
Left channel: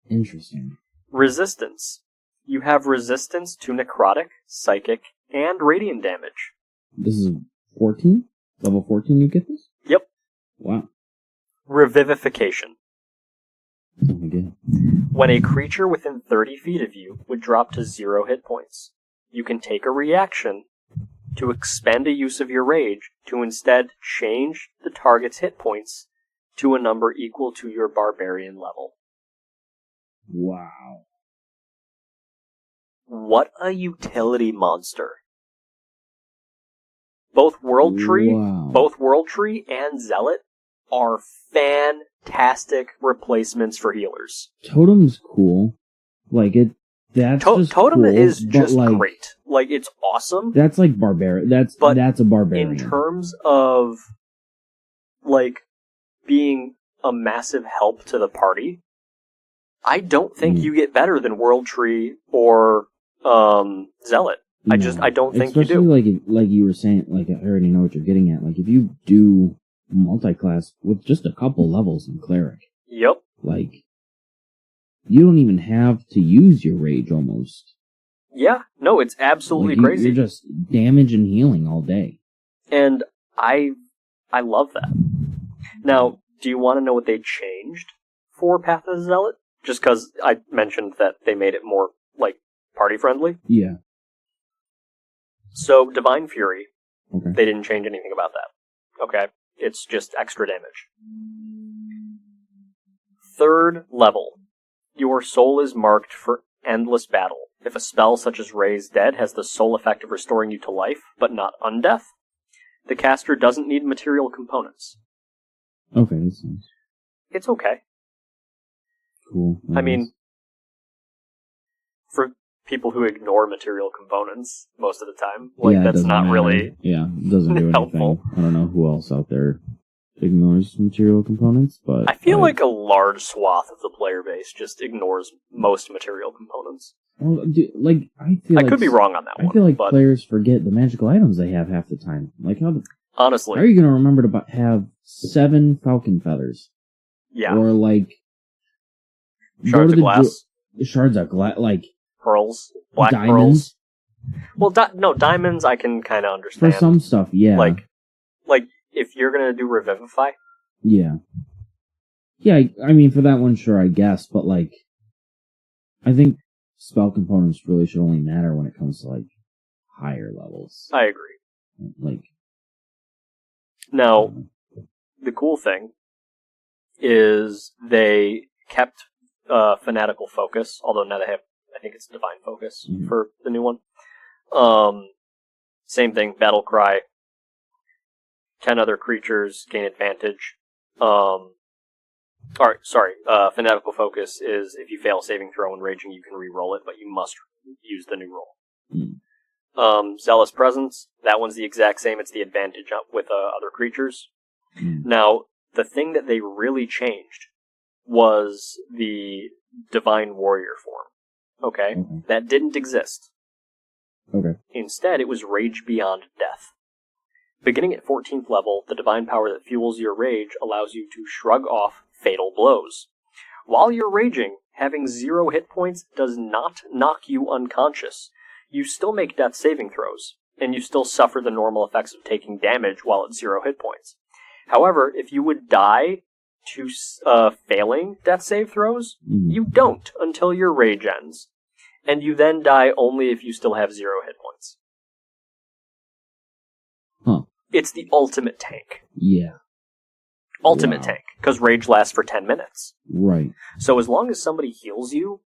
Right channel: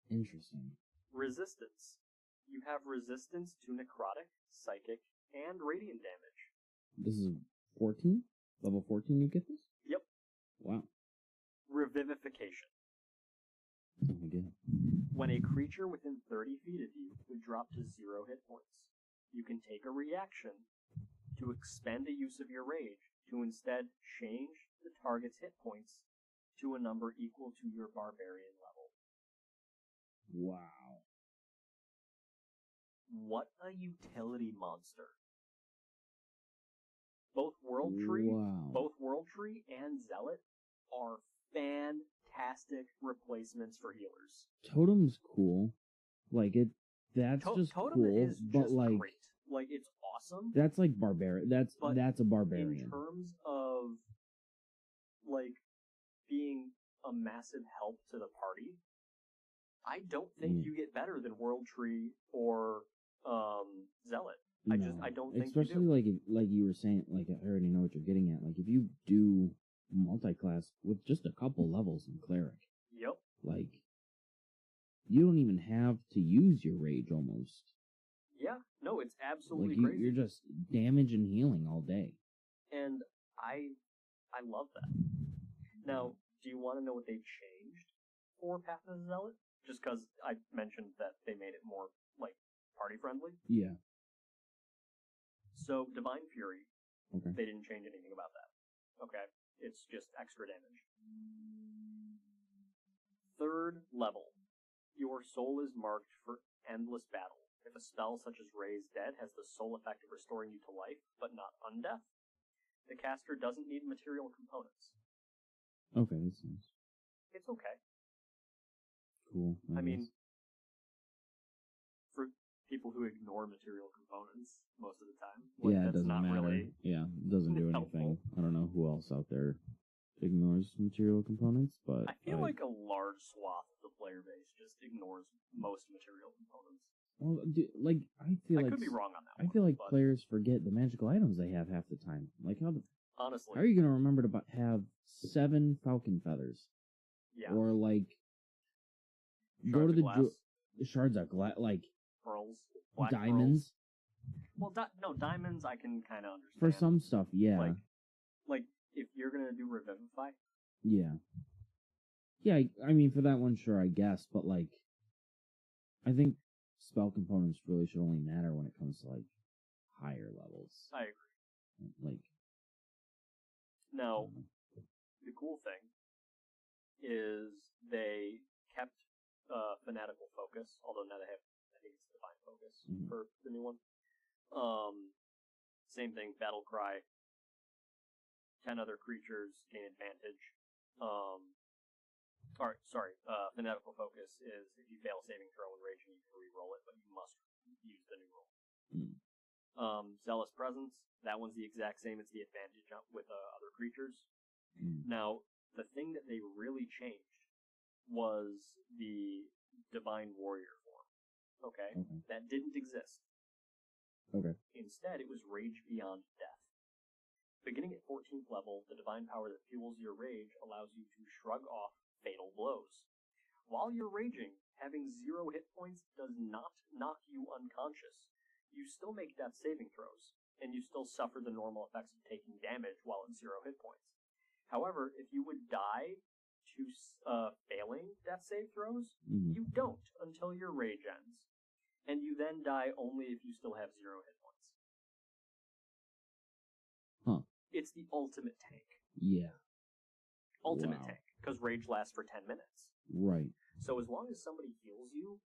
Interesting. Resistance. You have resistance to necrotic, psychic, and radiant damage. This is 14? Level 14 you get this? Yep. Wow. Revivification. Oh my god. When a creature within 30 feet of you would drop to 0 hit points, you can take a reaction to expend a use of your rage to instead change the target's hit points to a number equal to your barbarian level. Wow. What a utility monster. Both World Tree and Zealot are fantastic replacements for healers. Totem's cool. Like it that's just Totem cool, is just like, great. Like it's awesome. That's like barbarian. That's a barbarian. In terms of like being a massive help to the party, I don't think you get better than World Tree or Zealot. No. I don't think especially you do. Like you were saying, like I already know what you're getting at. Like if you do multi-class with just a couple levels in cleric. Yep. Like you don't even have to use your rage almost. Yeah, no, it's absolutely like crazy. You're just damage and healing all day. And I love that. Now, do you want to know what they changed for Path of the Zealot? Just because I mentioned that they made it more, like, party-friendly? Yeah. So, Divine Fury, okay. They didn't change anything about that. Okay? It's just extra damage. 3rd level. Your soul is marked for endless battle. If a spell such as Raise Dead has the sole effect of restoring you to life, but not undeath, the caster doesn't need material components. Okay, that's nice. It's okay. Cool. I mean, for people who ignore material components most of the time, like, it that's doesn't not matter. really Yeah, it doesn't do helpful. anything. I don't know who else out there ignores material components, but I feel like a large swath of the player base just ignores most material components. Well, I feel like I could be wrong on that one. I feel like but players forget the magical items they have half the time. Like, how honestly, are you going to remember to have 7 falcon feathers? Yeah. Or, like, Shards of glass. Shards of glass, like... Pearls. Black diamonds. Pearls. Well, no, diamonds I can kind of understand. For some stuff, yeah. Like, if you're going to do Revivify. Yeah. Yeah, I mean, for that one, sure, I guess. But, like, I think spell components really should only matter when it comes to, like, higher levels. I agree. Like... Now, the cool thing is they kept Fanatical Focus, although now they have, I think it's Divine Focus for the new one. Same thing, Battle Cry. 10 other creatures gain advantage. Fanatical Focus is if you fail a saving throw when raging, you can re-roll it, but you must use the new roll. Zealous Presence, that one's the exact same. It's the advantage with other creatures. Now, the thing that they really changed was the Divine Warrior form. Okay? That didn't exist. Okay. Instead, it was Rage Beyond Death. Beginning at 14th level, the divine power that fuels your rage allows you to shrug off fatal blows. While you're raging, having 0 hit points does not knock you unconscious. You still make death saving throws, and you still suffer the normal effects of taking damage while at 0 hit points. However, if you would die to failing death save throws, you don't until your rage ends. And you then die only if you still have 0 hit points. Huh. It's the ultimate tank. Yeah. Ultimate tank, because rage lasts for 10 minutes. Right. So as long as somebody heals you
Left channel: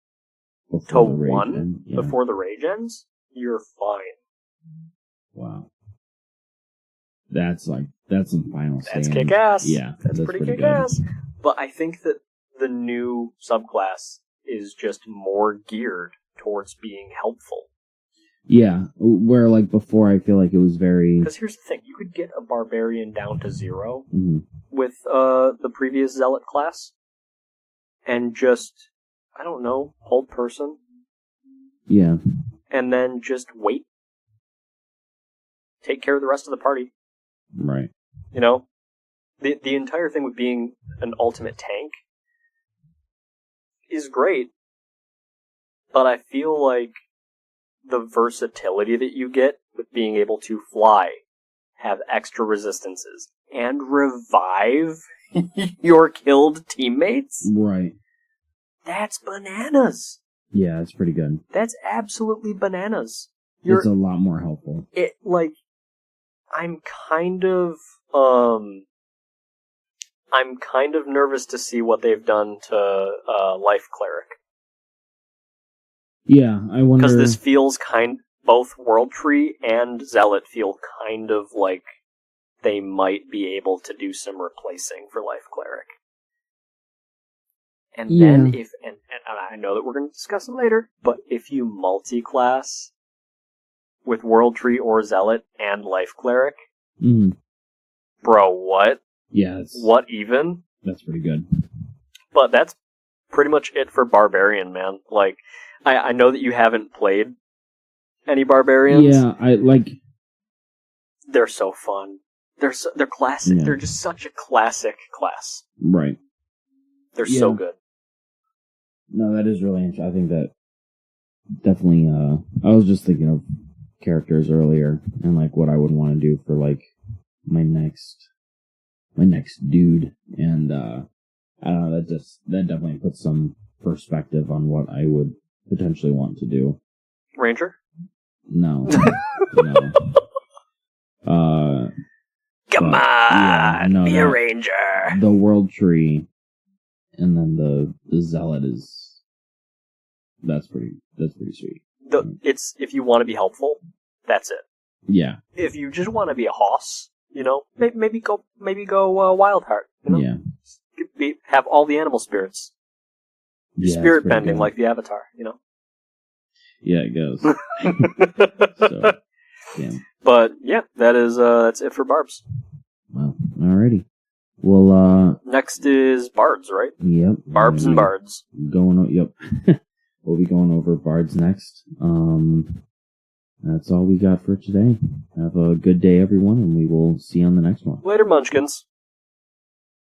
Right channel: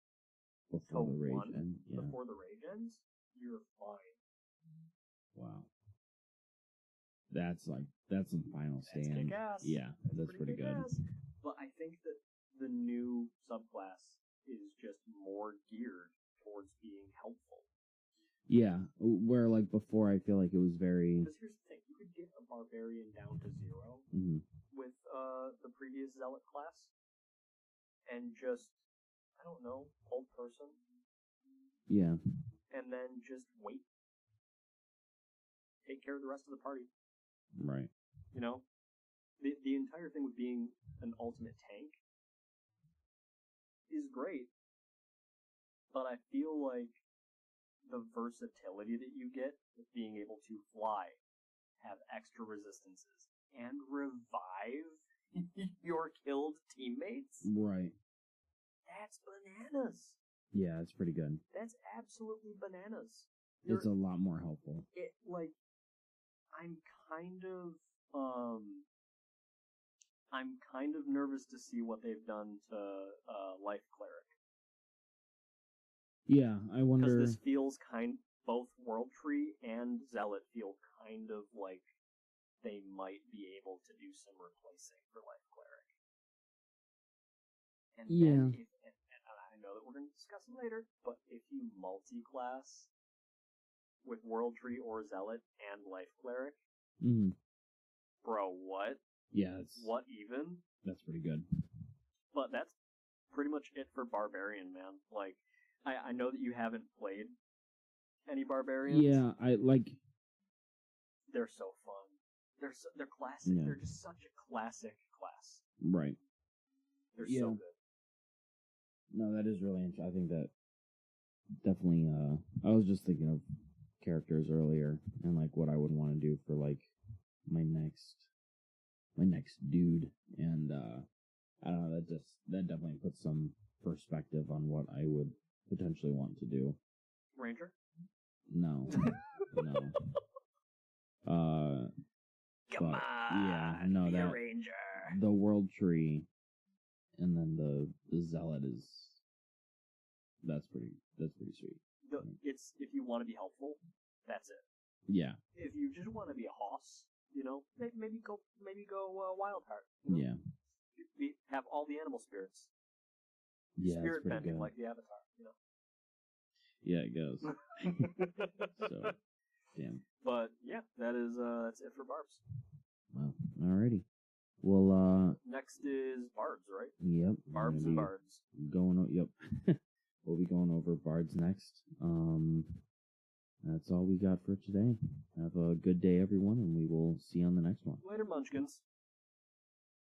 before to 1 before the rage ends, you're fine. Wow. That's some final stand. That's kick-ass. Yeah, that's pretty kick-ass. But I think that the new subclass is just more geared towards being helpful. Yeah, where, like, before I feel like it was very... Because here's the thing, you could get a Barbarian down to 0 with the previous Zealot class, and just, I don't know, hold person. Yeah. And then just wait. Take care of the rest of the party. Right. You know? The entire thing with being an ultimate tank is great, but I feel like the versatility that you get with being able to fly, have extra resistances, and revive your killed teammates? Right. That's bananas. Yeah, it's pretty good. That's absolutely bananas. It's a lot more helpful. I'm kind of nervous to see what they've done to Life Cleric. Yeah, I wonder... Because this feels both World Tree and Zealot feel kind of like they might be able to do some replacing for Life Cleric. And then and I know that we're going to discuss it later, but if you multi-class with World Tree or Zealot and Life Cleric, bro, what? Yeah. What even? That's pretty good. But that's pretty much it for Barbarian, man. Like, I know that you haven't played any Barbarians. Yeah, They're so fun. They're classic. Yeah. They're just such a classic class. Right. They're so good. No, that is really interesting. I think that definitely, I was just thinking of characters earlier and, like, what I would want to do for, like, my next dude. And, I don't know, that definitely puts some perspective on what I would potentially want to do. Ranger? No. No. Come But, on, be a that- ranger. the world tree, and then the zealot is that's pretty sweet. It's if you want to be helpful, that's it. Yeah, If you just want to be a hoss, maybe go Wildheart. Have all the animal spirits. yeah, Spirit it's pretty bending good. like the Avatar. Yeah, it goes. So, yeah. But yeah, that's it for Barbs. Well, alrighty. Well, Next is Bards, right? yep. Barbs and Bards. Yep. We'll be going over Bards next. That's all we got for today. Have a good day, everyone, and we will see you on the next one. Later, Munchkins.